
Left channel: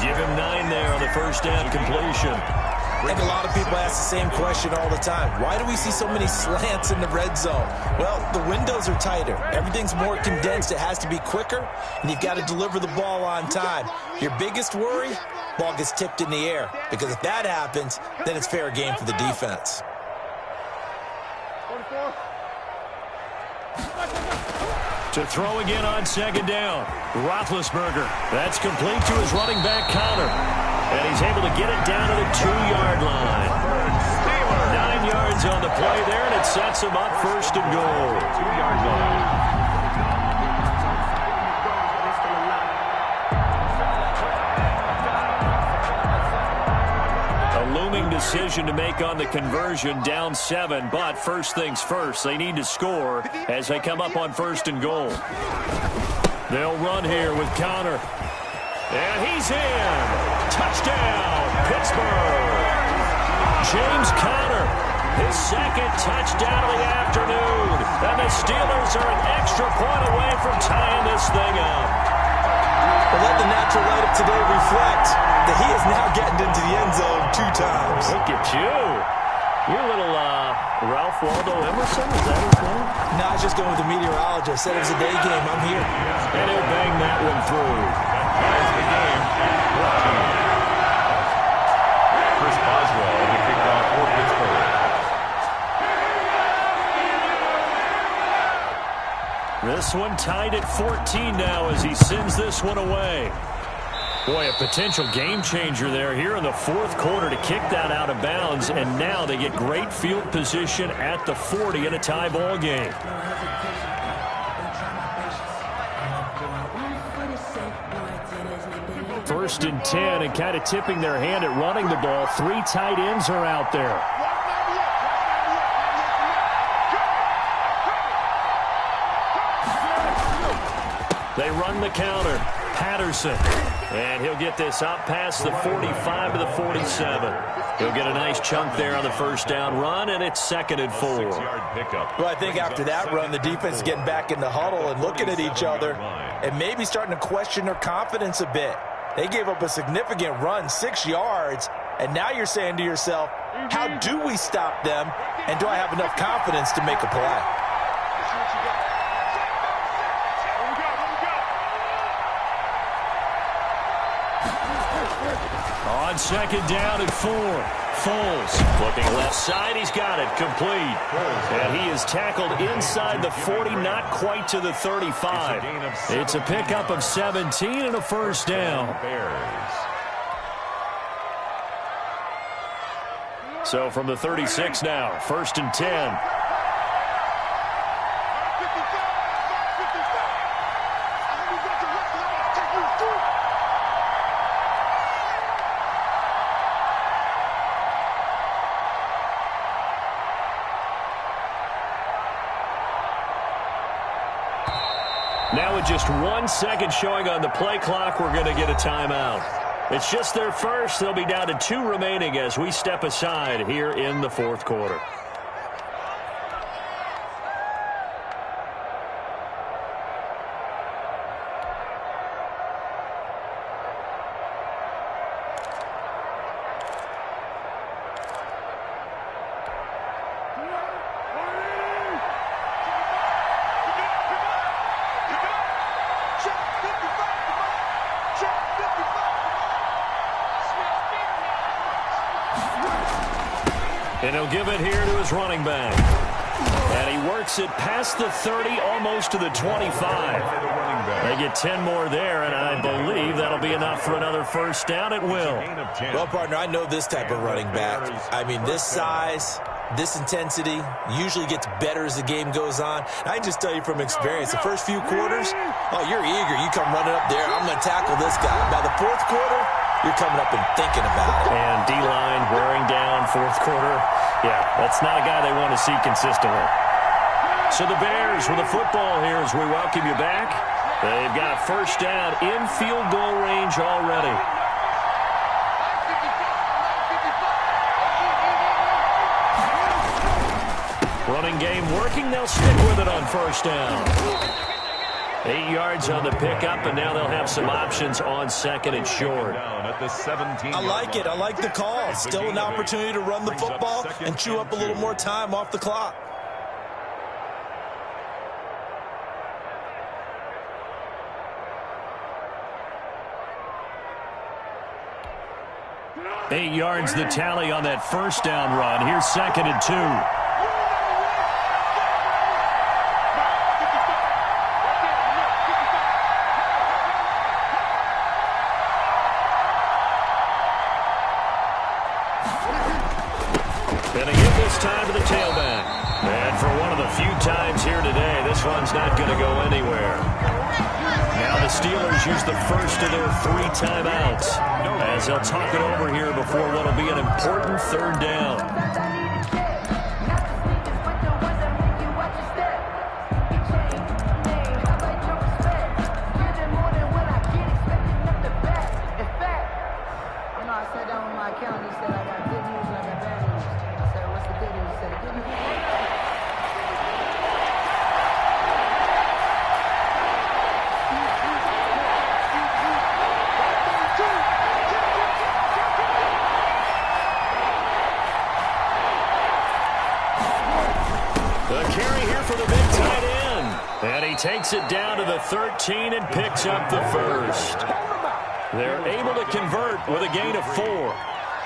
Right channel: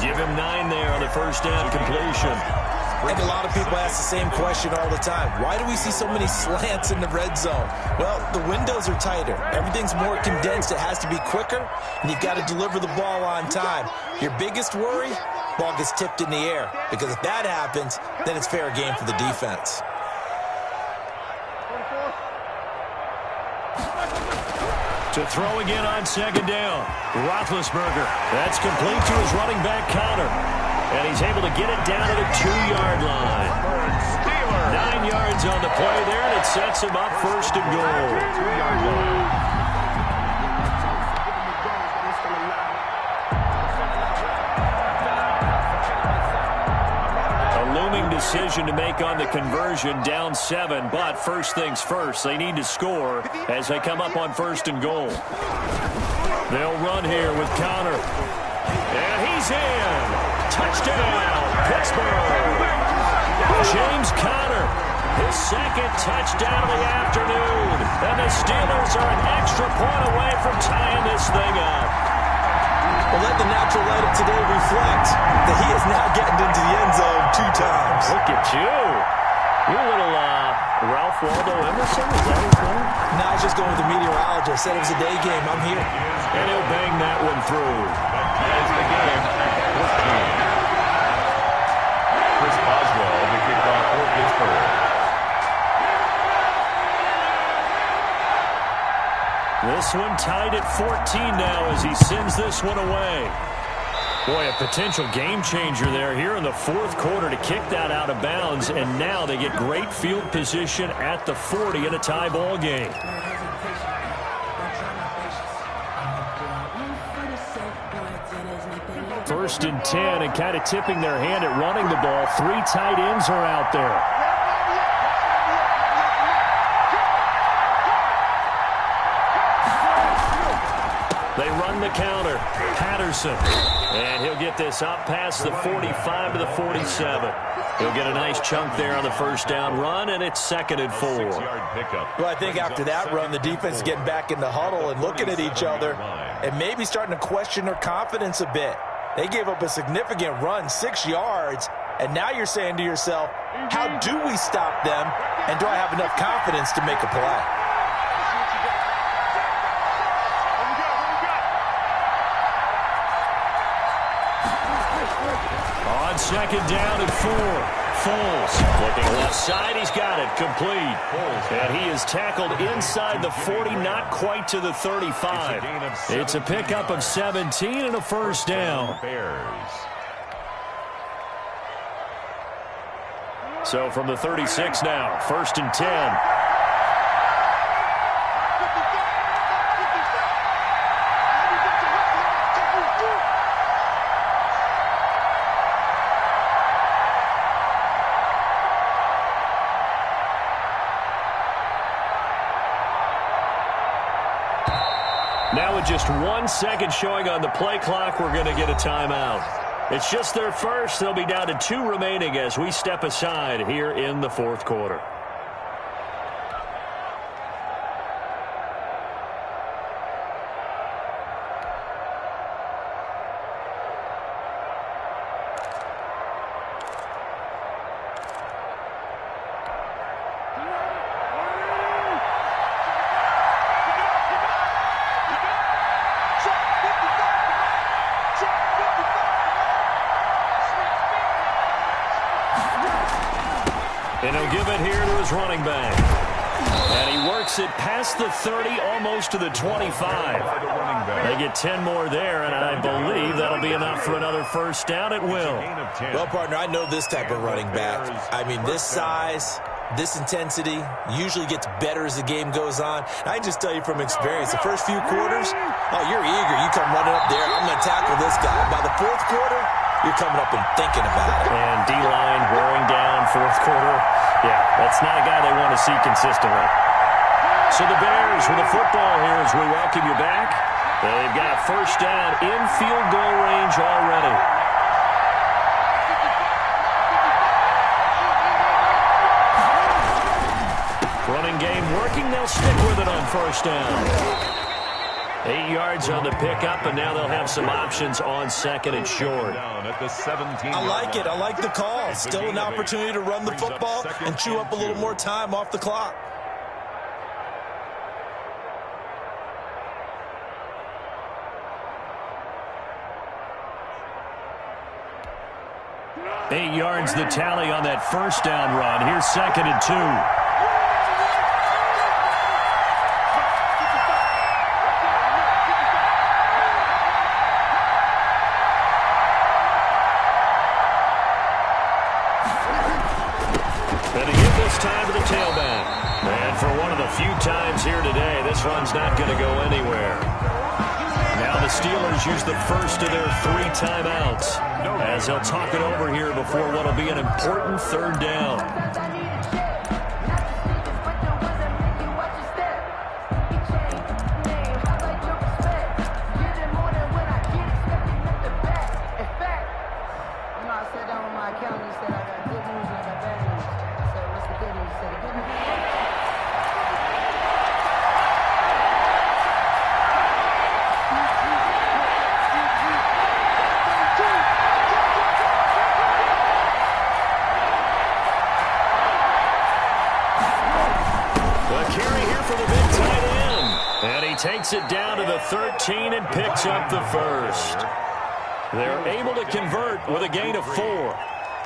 Give him 9 there on the first down completion. I think a lot of people ask the same question all the time. Why do we see so many slants in the red zone? Well, the windows are tighter. Everything's more condensed. It has to be quicker, and you've got to deliver the ball on time. Your biggest worry, ball gets tipped in the air, because if that happens, then it's fair game for the defense. To throw again on 2nd down. Roethlisberger. That's complete to his running back, Connor. And he's able to get it down to the 2-yard line. 9 yards on the play there, and it sets him up 1st and goal. 2-yard line. A looming decision to make on the conversion, down 7, but first things first, they need to score as they come up on 1st and goal. They'll run here with Connor. And he's in. Touchdown, Pittsburgh. James Conner, his 2nd touchdown of the afternoon. And the Steelers are an extra point away from tying this thing up. Well, let the natural light of today reflect that he is now getting into the end zone 2 times. Look at you. You're a little Ralph Waldo Emerson, is that his name? No, I was just going with the meteorologist. Said it was a day game. I'm here. And he'll bang that one through. That ties the game at 14. Chris Boswell, the kickoff for Pittsburgh. This one tied at 14 now as he sends this one away. Boy, a potential game changer there here in the 4th quarter to kick that out of bounds, and now they get great field position at the 40 in a tie ball game. First and 10, and kind of tipping their hand at running the ball. 3 tight ends are out there. They run the counter. Patterson. And he'll get this up past the 45 to the 47. He'll get a nice chunk there on the first down run, and it's 2nd and 4. 6-yard pickup. Well, I think after that run, the defense is getting back in the huddle and looking at each other and maybe starting to question their confidence a bit. They gave up a significant run, 6 yards, and now you're saying to yourself, how do we stop them, and do I have enough confidence to make a play? On 2nd down and 4. Foles looking left side. He's got it complete. And he is tackled inside the 40, not quite to the 35. It's a pickup of 17 and a first down. So from the 36 now, 1st and 10. Now with just 1 second showing on the play clock, we're going to get a timeout. It's just their first. They'll be down to 2 remaining as we step aside here in the 4th quarter. And he'll give it here to his running back. And he works it past the 30, almost to the 25. They get 10 more there, and I believe that'll be enough for another first down. It will. Well, partner, I know this type of running back. I mean, this size, this intensity usually gets better as the game goes on. I can just tell you from experience, the first few quarters, oh, you're eager. You come running up there, I'm going to tackle this guy. By the fourth quarter, you're coming up and thinking about it. And D-line wearing down fourth quarter. Yeah, that's not a guy they want to see consistently. So the Bears with the football here as we welcome you back. They've got a first down in field goal range already. Running game working. They'll stick with it on first down. 8 yards on the pickup, and now they'll have some options on second and short. I like it. I like the call. Still an opportunity to run the football and chew up a little more time off the clock. Eight yards the tally on that first down run. Here's second and 2. And again this time to the tailback. And for one of the few times here today, this run's not going to go anywhere. Now the Steelers use the first of their 3 timeouts as they'll talk it over here before what will be an important third down. I sat down with my accountant. He said, I got good news and I got bad news. I said, what's the good news? He said, the good news is the carry here for the big tight end. And he takes it down to the 13 and picks up the first. They're able to convert with a gain of 4.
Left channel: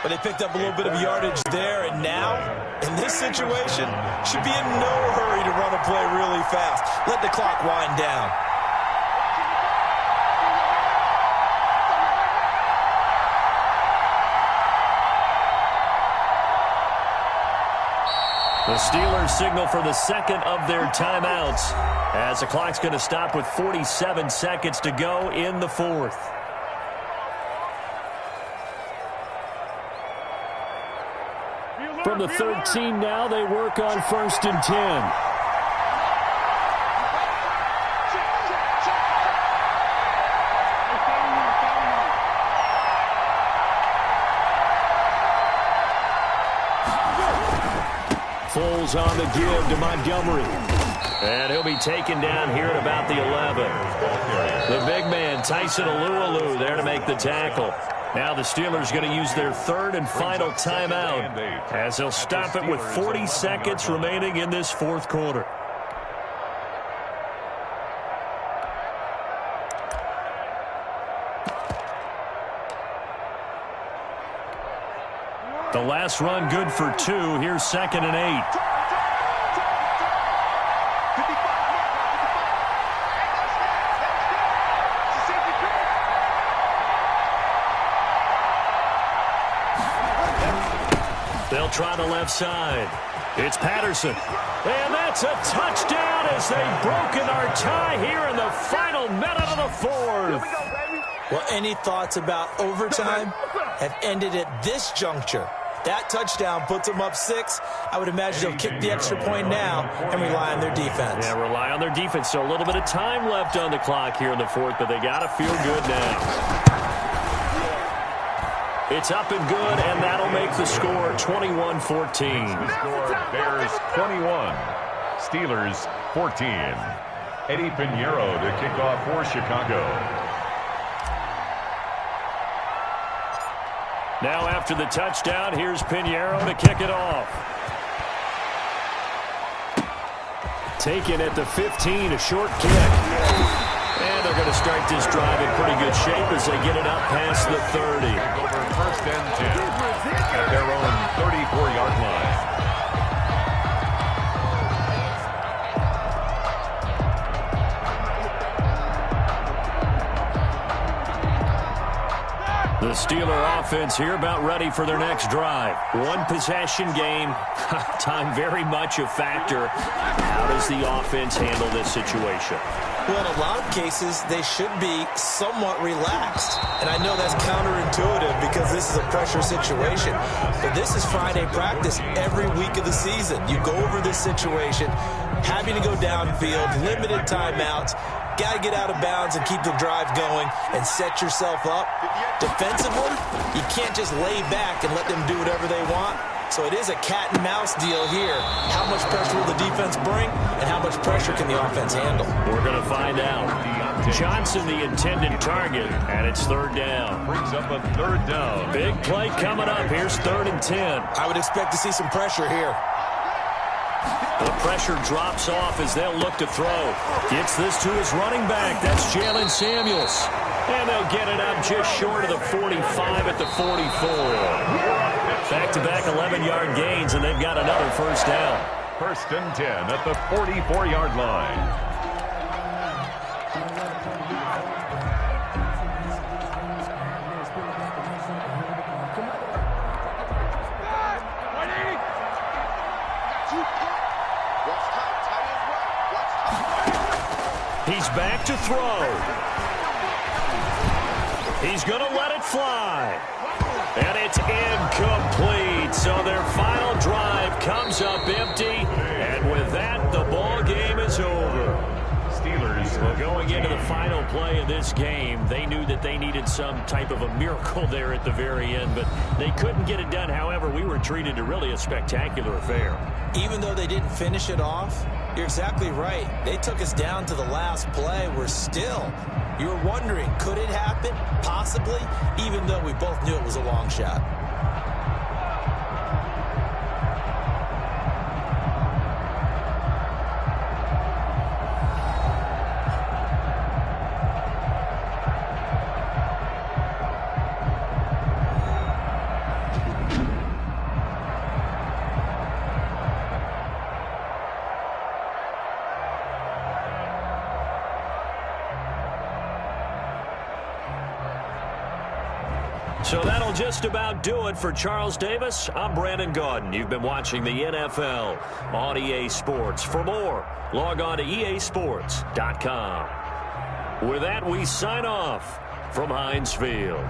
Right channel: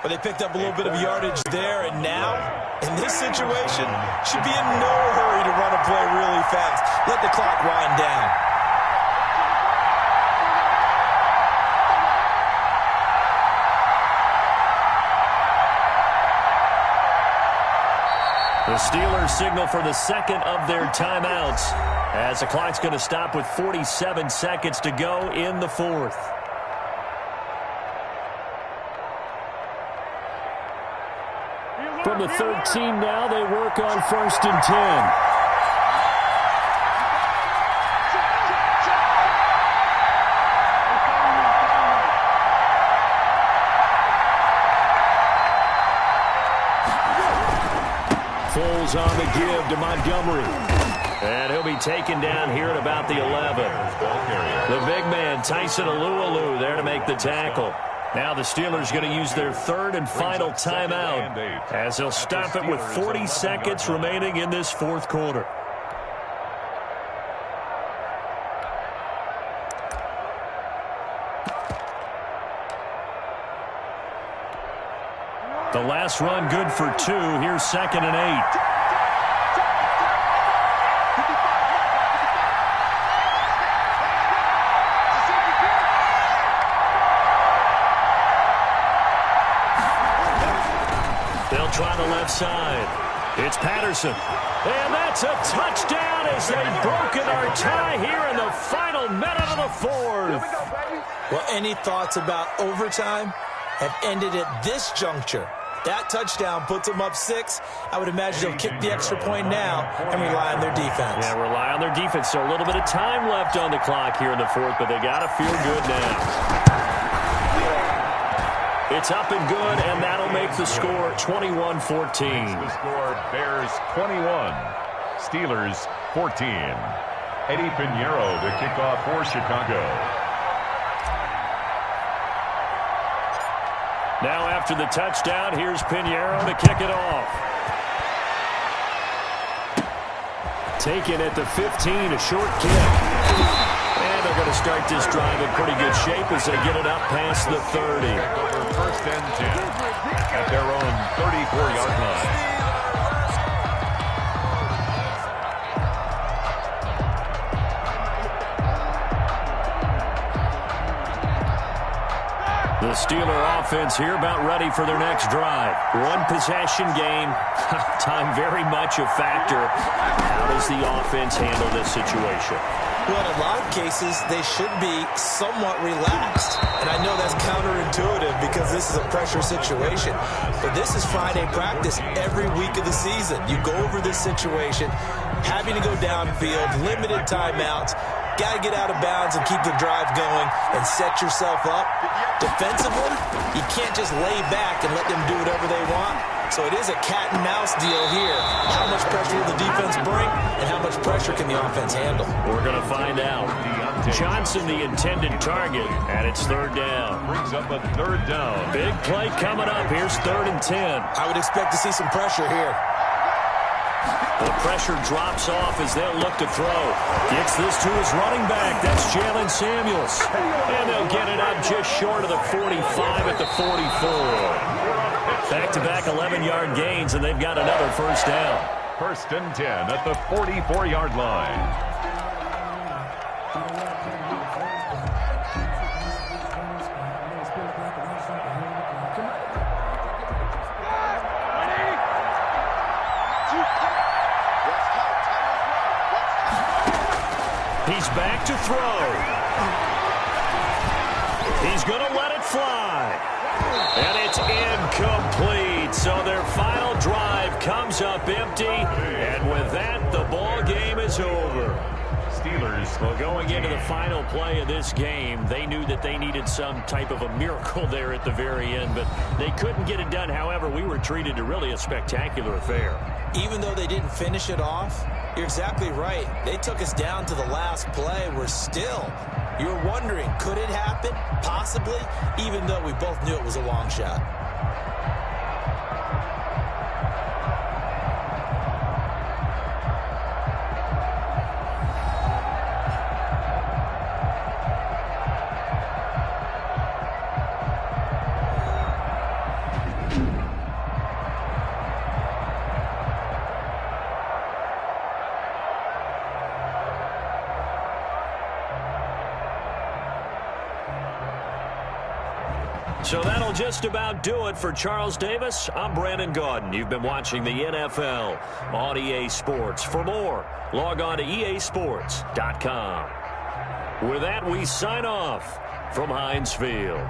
But they picked up a little bit of yardage there, and now, in this situation, should be in no hurry to run a play really fast. Let the clock wind down. The Steelers signal for the second of their timeouts as the clock's going to stop with 47 seconds to go in the fourth. From the 13 now, they work on first and 10. Foles on the give to Montgomery. And he'll be taken down here at about the 11. The big man, Tyson Alualu, there to make the tackle. Now the Steelers going to use their third and final timeout as they'll stop it with 40 seconds remaining in this fourth quarter. The last run good for 2. Here's second and 8. They'll try the left side. It's Patterson. And that's a touchdown as they've broken our tie here in the final minute of the fourth. Well, any thoughts about overtime have ended at this juncture. That touchdown puts them up 6. I would imagine they'll kick the extra point now and rely on their defense. Yeah, rely on their defense. So a little bit of time left on the clock here in the fourth, but they got to feel good now. It's up and good, and that'll make the score 21-14. The score, Bears 21, Steelers 14. Eddie Pinheiro to kick off for Chicago. Now after the touchdown, here's Pinheiro to kick it off. Taken at the 15, a short kick. And they're going to start this drive in pretty good shape as they get it up past the 30. Over first and 10 at their own 34-yard line. The Steeler offense here about ready for their next drive. One possession game. Time very much a factor. How does the offense handle this situation? Well, in a lot of cases, they should be somewhat relaxed. And I know that's counterintuitive because this is a pressure situation. But this is Friday practice every week of the season. You go over this situation, having to go downfield, limited timeouts. Got to get out of bounds and keep the drive going and set yourself up. Defensively, you can't just lay back and let them do whatever they want. So it is a cat and mouse deal here. How much pressure will the defense bring, and how much pressure can the offense handle? We're going to find out. Johnson, the intended target, and it's third down. Brings up a third down. Big play coming up. Here's 3rd and 10. I would expect to see some pressure here. The pressure drops off as they'll look to throw. Gets this to his running back. That's Jalen Samuels. And they'll get it up just short of the 45 at the 44. Back-to-back 11-yard gains, and they've got another first down. 1st and 10 at the 44-yard line. He's back to throw. He's going to let it fly. And it's incomplete. So their final drive comes up empty. And with that, the ball game is over. Steelers. Well, going into the final play of this game, they knew that they needed some type of a miracle there at the very end, but they couldn't get it done. However, we were treated to really a spectacular affair. Even though they didn't finish it off, you're exactly right. They took us down to the last play. You're wondering, could it happen? Possibly, even though we both knew it was a long shot. So that'll just about do it for Charles Davis. I'm Brandon Gaudin. You've been watching the NFL on EA Sports. For more, log on to easports.com. With that, we sign off from Heinz Field.